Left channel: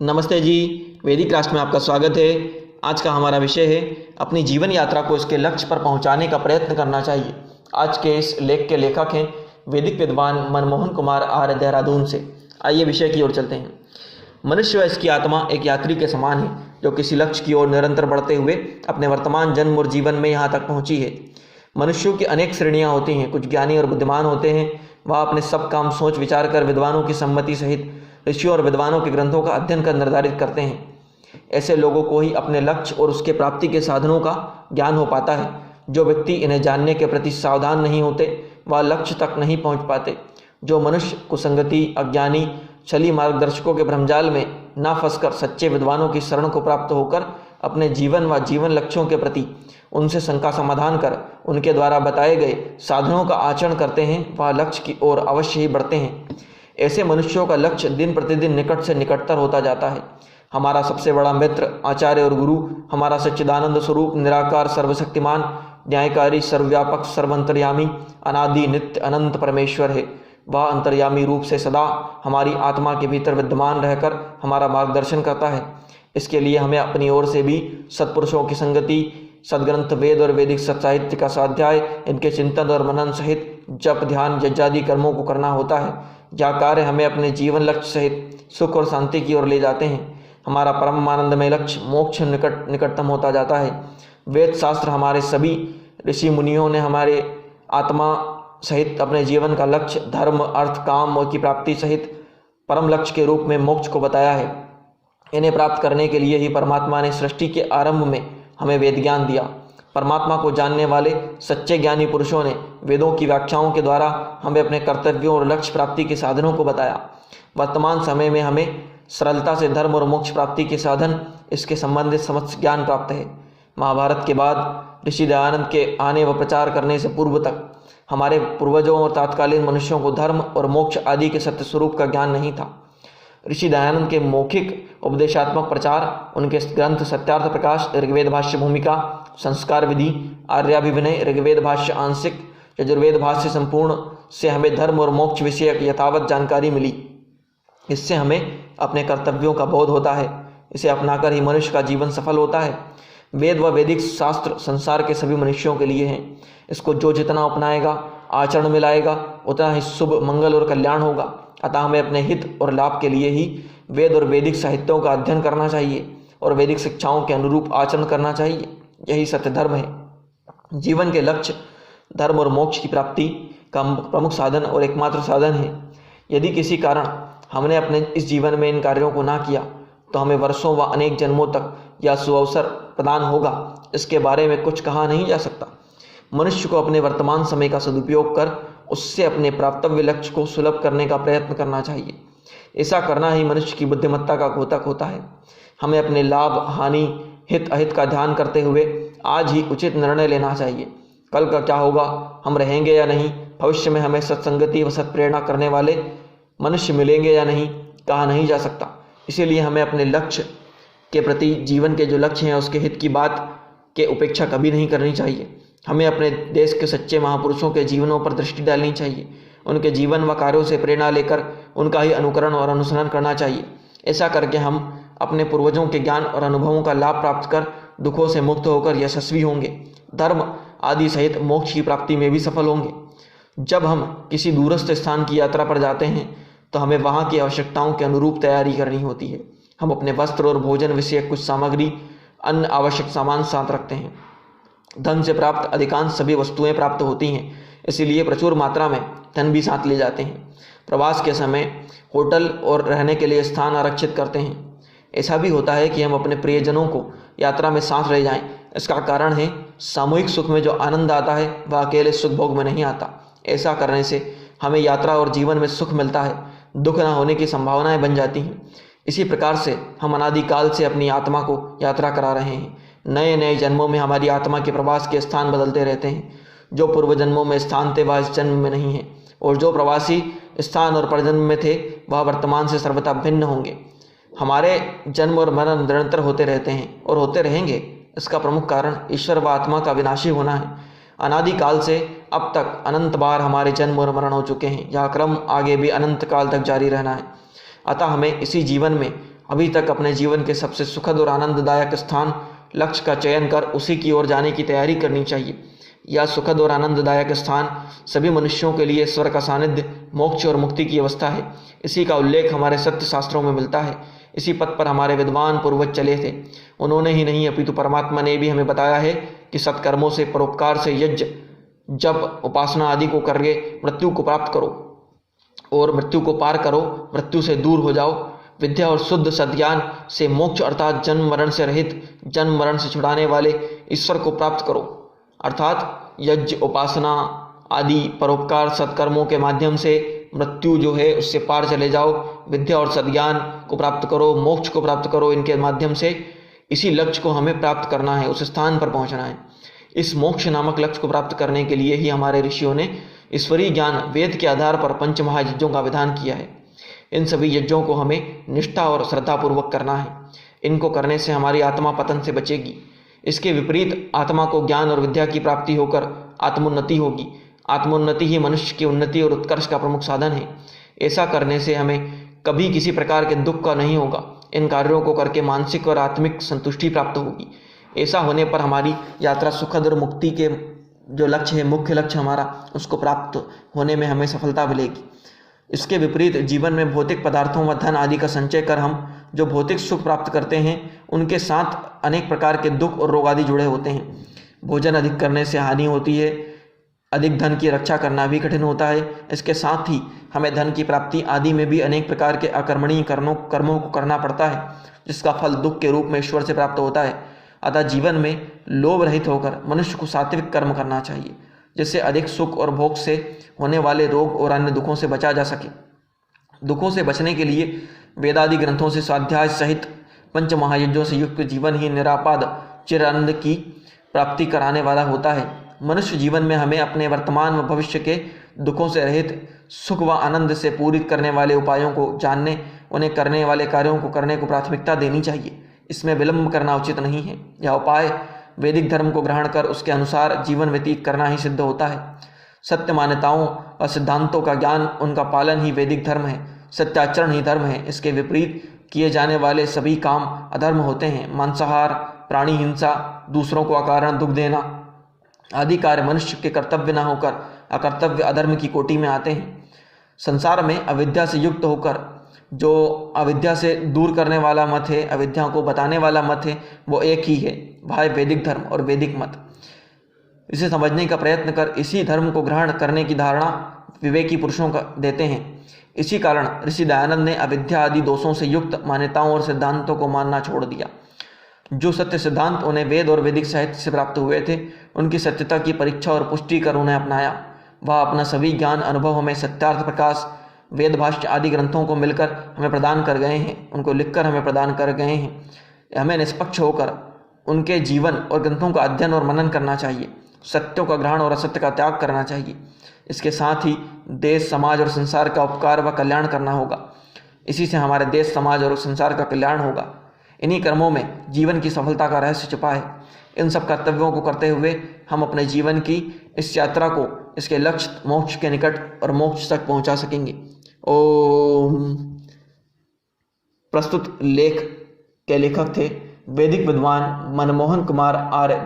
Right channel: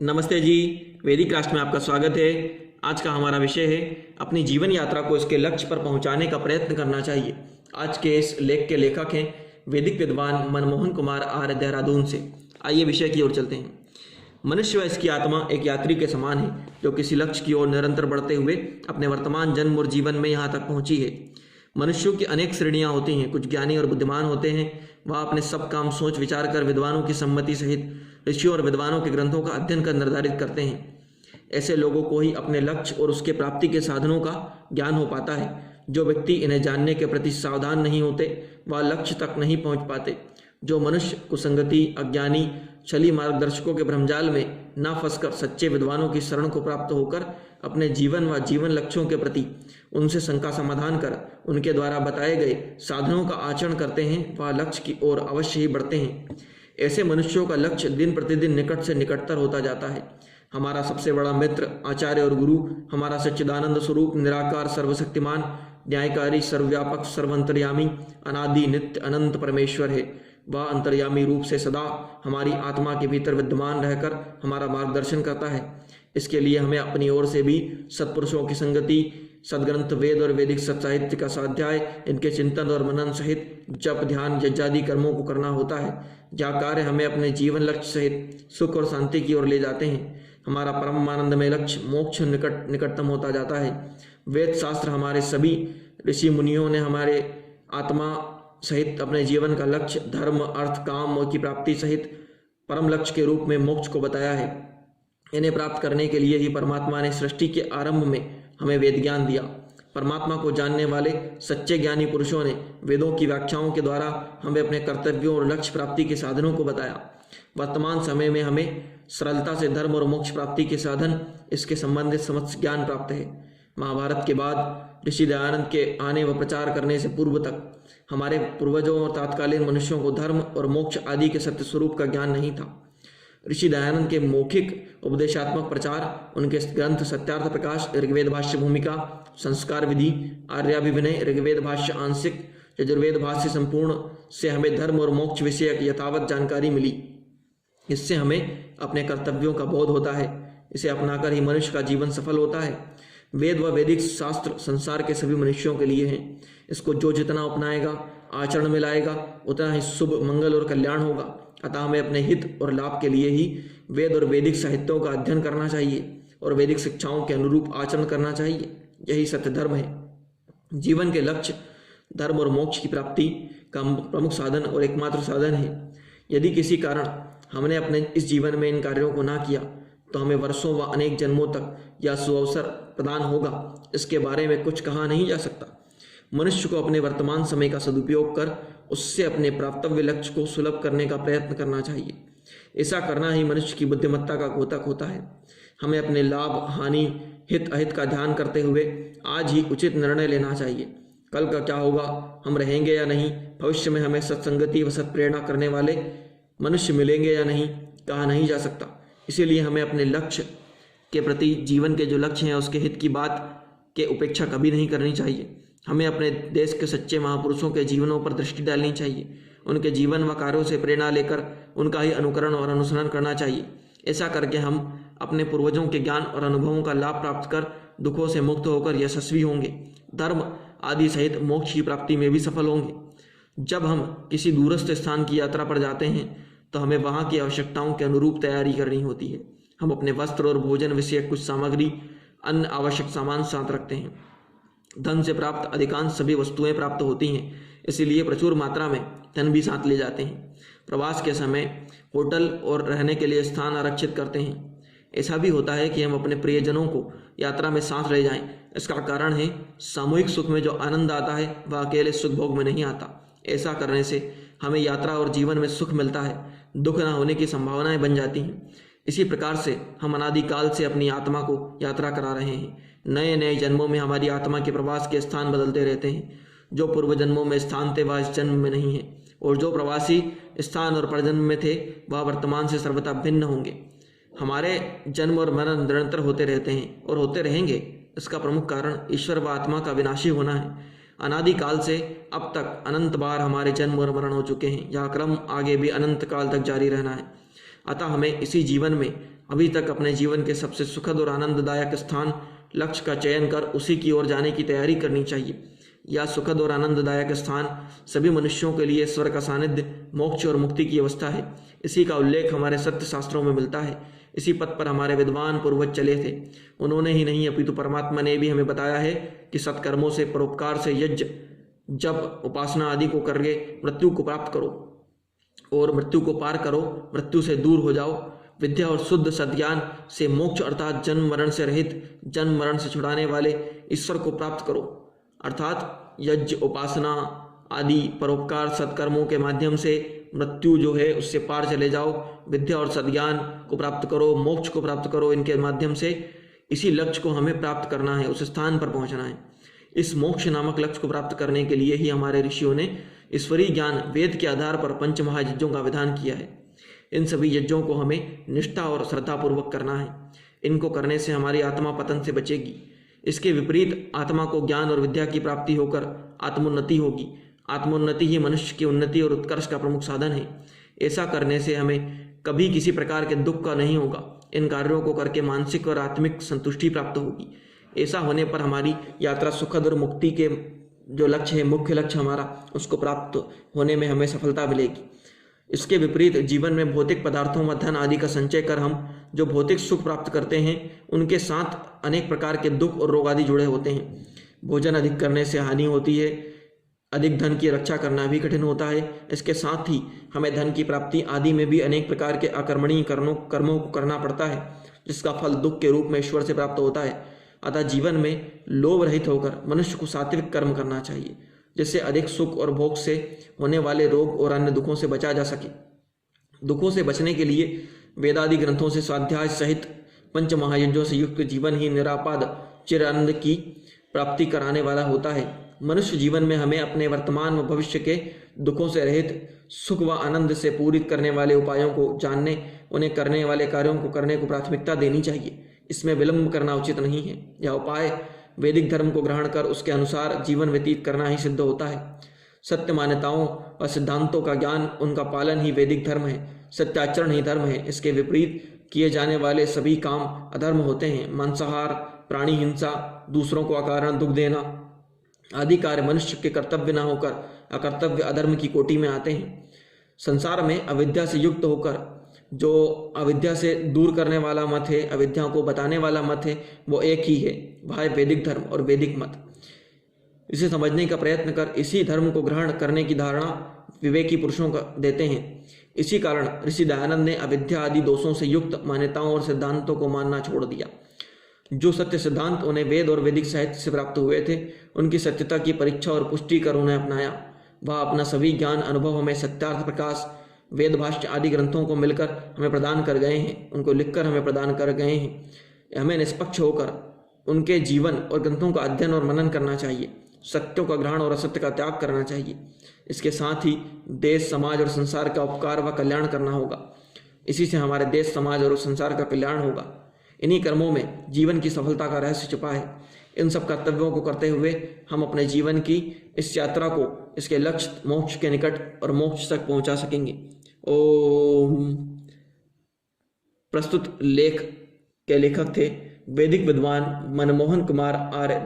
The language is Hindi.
नमस्ते जी। वैदिक राष्ट्र में आपका स्वागत है। आज का हमारा विषय है अपनी जीवन यात्रा को इसके लक्ष्य पर पहुंचाने का प्रयत्न करना चाहिए। आज के इस लेख के लेखक हैं वैदिक विद्वान मनमोहन कुमार आर्य, देहरादून से। आइए विषय की ओर चलते हैं। मनुष्य व इसकी आत्मा एक यात्री के समान है जो किसी लक्ष्य की ओर निरंतर बढ़ते हुए अपने वर्तमान जन्म और जीवन में यहाँ तक पहुँची है। मनुष्यों की अनेक श्रेणियाँ होती हैं। कुछ ज्ञानी और बुद्धिमान होते हैं। वह अपने सब काम सोच विचार कर विद्वानों की सम्मति सहित ऋषियों और विद्वानों के ग्रंथों का अध्ययन कर निर्धारित करते हैं। ऐसे लोगों को ही अपने लक्ष्य और उसके प्राप्ति के साधनों का ज्ञान हो पाता है। जो व्यक्ति इन्हें जानने के प्रति सावधान नहीं होते वह लक्ष्य तक नहीं पहुंच पाते। जो मनुष्य कुसंगति, अज्ञानी, छली मार्गदर्शकों के भ्रमजाल में ना फंसकर सच्चे विद्वानों की शरण को प्राप्त होकर अपने जीवन व जीवन लक्ष्यों के प्रति उनसे शंका समाधान कर उनके द्वारा बताए गए साधनों का आचरण करते हैं, वह लक्ष्य की ओर अवश्य ही बढ़ते हैं। ऐसे मनुष्यों का लक्ष्य दिन प्रतिदिन निकट से निकटतर होता जाता है। हमारा सबसे बड़ा मित्र, आचार्य और गुरु हमारा सच्चिदानंद स्वरूप, निराकार, सर्वशक्तिमान, न्यायकारी, सर्वव्यापक, सर्वंतर्यामी, अनादि, नित्य, अनंत परमेश्वर है। वह अंतर्यामी रूप से सदा हमारी आत्मा के भीतर विद्यमान रहकर हमारा मार्गदर्शन करता है। इसके लिए हमें अपनी ओर से भी सत्पुरुषों की संगति, सदग्रंथ, वेद और वैदिक सत्साहित्य का स्वाध्याय, इनके चिंतन और मनन सहित जप, ध्यान, यज्ञादि कर्मों को करना होता है। यह कार्य हमें अपने जीवन लक्ष्य सहित सुख और शांति की ओर ले जाते हैं। हमारा परम आनंदमय लक्ष्य मोक्ष निकटतम होता जाता है। वेद शास्त्र, हमारे सभी ऋषि मुनियों ने हमारे आत्मा सहित अपने जीवन का लक्ष्य धर्म, अर्थ, काम और की प्राप्ति सहित परम लक्ष्य के रूप में मोक्ष को बताया है। इन्हें प्राप्त करने के लिए ही परमात्मा ने सृष्टि के आरंभ में हमें वेद ज्ञान दिया। परमात्मा को जानने वाले सच्चे ज्ञानी पुरुषों ने वेदों की व्याख्याओं के द्वारा हमें अपने कर्तव्यों और लक्ष्य प्राप्ति के साधनों को बताया। वर्तमान समय में हमें सरलता से धर्म और मोक्ष प्राप्ति के साधन, इसके संबंधित समस्त ज्ञान प्राप्त है। महाभारत के बाद ऋषि दयानंद के आने व प्रचार करने से पूर्व तक हमारे पूर्वजों और तत्कालीन मनुष्यों को धर्म और मोक्ष आदि के सत्य स्वरूप का ज्ञान नहीं था। ऋषि दयानंद के मौखिक उपदेशात्मक प्रचार, उनके ग्रंथ सत्यार्थ प्रकाश, ऋग्वेद भाष्य भूमिका, संस्कार विधि, आर्याभिविनय, ऋग्वेद भाष्य आंशिक, यजुर्वेद भाष्य संपूर्ण से हमें धर्म और मोक्ष विषयक यथावत जानकारी मिली। इससे हमें अपने कर्तव्यों का बोध होता है। इसे अपनाकर ही मनुष्य का जीवन सफल होता है। वेद व वैदिक शास्त्र संसार के सभी मनुष्यों के लिए हैं। इसको जो जितना अपनाएगा, आचरण में लाएगा, उतना ही शुभ, मंगल और कल्याण होगा। अतः हमें अपने हित और लाभ के लिए ही वेद और वैदिक साहित्यों का अध्ययन करना चाहिए और वैदिक शिक्षाओं के अनुरूप आचरण करना चाहिए। यही सत्य धर्म है। जीवन के लक्ष्य धर्म और मोक्ष की प्राप्ति का प्रमुख साधन और एकमात्र साधन है। यदि किसी कारण हमने अपने इस जीवन में इन कार्यों को ना किया तो हमें वर्षों व अनेक जन्मों तक यह सुअवसर प्रदान होगा, इसके बारे में कुछ कहा नहीं जा सकता। मनुष्य को अपने वर्तमान समय का सदुपयोग कर उससे अपने प्राप्तव्य लक्ष्य को सुलभ करने का प्रयत्न करना चाहिए। ऐसा करना ही मनुष्य की बुद्धिमत्ता का द्योतक होता है। हमें अपने लाभ, हानि, हित अहित का ध्यान करते हुए आज ही उचित निर्णय लेना चाहिए। कल का क्या होगा, हम रहेंगे या नहीं, भविष्य में हमें सत्संगति व सत्प्रेरणा करने वाले मनुष्य मिलेंगे या नहीं, कहा नहीं जा सकता। इसीलिए हमें अपने लक्ष्य के प्रति, जीवन के जो लक्ष्य हैं उसके हित की बात के उपेक्षा कभी नहीं करनी चाहिए। हमें अपने देश के सच्चे महापुरुषों के जीवनों पर दृष्टि डालनी चाहिए। उनके जीवन व कार्यों से प्रेरणा लेकर उनका ही अनुकरण और अनुसरण करना चाहिए। ऐसा करके हम अपने पूर्वजों के ज्ञान और अनुभवों का लाभ प्राप्त कर दुखों से मुक्त होकर यशस्वी होंगे, धर्म आदि सहित मोक्ष की प्राप्ति में भी सफल होंगे। जब हम किसी दूरस्थ स्थान की यात्रा पर जाते हैं तो हमें वहाँ की आवश्यकताओं के अनुरूप तैयारी करनी होती है। हम अपने वस्त्र और भोजन विषयक कुछ सामग्री, अन्य आवश्यक सामान साथ रखते हैं। धन से प्राप्त अधिकांश सभी वस्तुएं प्राप्त होती हैं, इसीलिए प्रचुर मात्रा में धन भी साथ ले जाते हैं। प्रवास के समय होटल और रहने के लिए स्थान आरक्षित करते हैं। ऐसा भी होता है कि हम अपने प्रियजनों को यात्रा में साथ ले जाएं। इसका कारण है सामूहिक सुख में जो आनंद आता है वह अकेले सुख भोग में नहीं आता। ऐसा करने से हमें यात्रा और जीवन में सुख मिलता है, दुख न होने की संभावनाएं बन जाती हैं। इसी प्रकार से हम अनादिकाल से अपनी आत्मा को यात्रा करा रहे हैं। नए नए जन्मों में हमारी आत्मा के प्रवास के स्थान बदलते रहते हैं। जो पूर्व जन्मों में स्थान थे वह इस जन्म में नहीं है, और जो प्रवासी स्थान और परजन्म में थे वह वर्तमान से सर्वथा भिन्न होंगे। हमारे जन्म और मरण निरंतर होते रहते हैं और होते रहेंगे। इसका प्रमुख कारण ईश्वर व आत्मा का विनाशी होना है। अनादिकाल से अब तक अनंत बार हमारे जन्म और मरण हो चुके हैं। यह क्रम आगे भी अनंत काल तक जारी रहना है। अतः हमें इसी जीवन में अभी तक अपने जीवन के सबसे सुखद और आनंददायक स्थान लक्ष्य का चयन कर उसी की ओर जाने की तैयारी करनी चाहिए। यह सुखद और आनंददायक स्थान सभी मनुष्यों के लिए ईश्वर का सानिध्य, मोक्ष और मुक्ति की अवस्था है। इसी का उल्लेख हमारे सत्य शास्त्रों में मिलता है। इसी पथ पर हमारे विद्वान पूर्वज चले थे। उन्होंने ही नहीं अपितु परमात्मा ने भी हमें बताया है कि सत्कर्मों से, परोपकार से, यज्ञ, जप, उपासना आदि को करके मृत्यु को प्राप्त करो और मृत्यु को पार करो, मृत्यु से दूर हो जाओ। विद्या और शुद्ध सद्ज्ञान से मोक्ष अर्थात जन्म मरण से रहित, जन्म मरण से छुड़ाने वाले ईश्वर को प्राप्त करो। अर्थात यज्ञ, उपासना आदि परोपकार सत्कर्मों के माध्यम से मृत्यु जो है उससे पार चले जाओ। विद्या और सद्ज्ञान को प्राप्त करो, मोक्ष को प्राप्त करो। इनके माध्यम से इसी लक्ष्य को हमें प्राप्त करना है, उस स्थान पर पहुंचना है। इस मोक्ष नामक लक्ष्य को प्राप्त करने के लिए ही हमारे ऋषियों ने ईश्वरीय ज्ञान वेद के आधार पर पंच महायज्ञों का विधान किया है। इन सभी यज्ञों को हमें निष्ठा और श्रद्धापूर्वक करना है। इनको करने से हमारी आत्मा पतन से बचेगी। इसके विपरीत आत्मा को ज्ञान और विद्या की प्राप्ति होकर आत्मोन्नति होगी। आत्मोन्नति ही मनुष्य की उन्नति और उत्कर्ष का प्रमुख साधन है। ऐसा करने से हमें कभी किसी प्रकार के दुख का नहीं होगा। इन कार्यों को करके मानसिक और आत्मिक संतुष्टि प्राप्त होगी। ऐसा होने पर हमारी यात्रा सुखद और मुक्ति के जो लक्ष्य है, मुख्य लक्ष्य हमारा, उसको प्राप्त होने में हमें सफलता मिलेगी। इसके विपरीत जीवन में भौतिक पदार्थों व धन आदि का संचय कर हम जो भौतिक सुख प्राप्त करते हैं, उनके साथ अनेक प्रकार के दुख और रोग आदि जुड़े होते हैं। भोजन अधिक करने से हानि होती है। अधिक धन की रक्षा करना भी कठिन होता है। इसके साथ ही हमें धन की प्राप्ति आदि में भी अनेक प्रकार के अकर्मणीय कर्मों को करना पड़ता है, जिसका फल दुख के रूप में ईश्वर से प्राप्त होता है। अतः जीवन में लोभ रहित होकर मनुष्य को सात्विक कर्म करना चाहिए, जिससे अधिक सुख और भोग से होने वाले रोग और अन्य दुखों से बचा जा सके। दुखों से बचने के लिए वेदादि ग्रंथों से स्वाध्याय सहित पंच महायज्ञों से युक्त जीवन ही निरापाद चिर आनंद की प्राप्ति कराने वाला होता है। मनुष्य जीवन में हमें अपने वर्तमान व भविष्य के दुखों से रहित सुख व आनंद से पूरित करने वाले उपायों को जानने, उन्हें करने वाले कार्यों को करने को प्राथमिकता देनी चाहिए। इसमें विलंब करना उचित नहीं है। यह उपाय वैदिक धर्म को ग्रहण कर उसके अनुसार जीवन व्यतीत करना ही सिद्ध होता है। सत्य मान्यताओं और सिद्धांतों का ज्ञान, उनका पालन ही वैदिक धर्म है। सत्याचरण ही धर्म है। इसके विपरीत किए जाने वाले सभी काम अधर्म होते हैं। मांसाहार, प्राणी हिंसा, दूसरों को अकारण दुख देना आदि कार्य मनुष्य के कर्तव्य न होकर अकर्तव्य अधर्म की कोटि में आते हैं। संसार में अविद्या से युक्त होकर जो अविद्या से दूर करने वाला मत है, अविद्या को बताने वाला मत है, वो एक ही है, वह है वैदिक धर्म और वैदिक मत। इसे समझने का प्रयत्न कर इसी धर्म को ग्रहण करने की धारणा विवेकी पुरुषों का देते हैं। इसी कारण ऋषि दयानंद ने अविद्या आदि दोषों से युक्त मान्यताओं और सिद्धांतों को मानना छोड़ दिया। जो सत्य सिद्धांत उन्हें वेद और वैदिक साहित्य से प्राप्त हुए थे, उनकी सत्यता की परीक्षा और पुष्टि कर उन्हें अपनाया। वह अपना सभी ज्ञान अनुभव हमें सत्यार्थ प्रकाश, वेद भाष्य आदि ग्रंथों को मिलकर हमें प्रदान कर गए हैं, उनको लिखकर हमें प्रदान कर गए हैं। हमें निष्पक्ष होकर उनके जीवन और ग्रंथों का अध्ययन और मनन करना चाहिए। सत्यों का ग्रहण और असत्य का त्याग करना चाहिए। इसके साथ ही देश, समाज और संसार का उपकार व कल्याण करना होगा। इसी से हमारे देश, समाज और संसार का कल्याण होगा। इन्हीं कर्मों में जीवन की सफलता का रहस्य छुपा है। इन सब कर्तव्यों को करते हुए हम अपने जीवन की इस यात्रा को इसके लक्ष्य मोक्ष के निकट और मोक्ष तक पहुंचा सकेंगे। ओम। प्रस्तुत लेख के लेखक थे वैदिक विद्वान मनमोहन कुमार आर्य।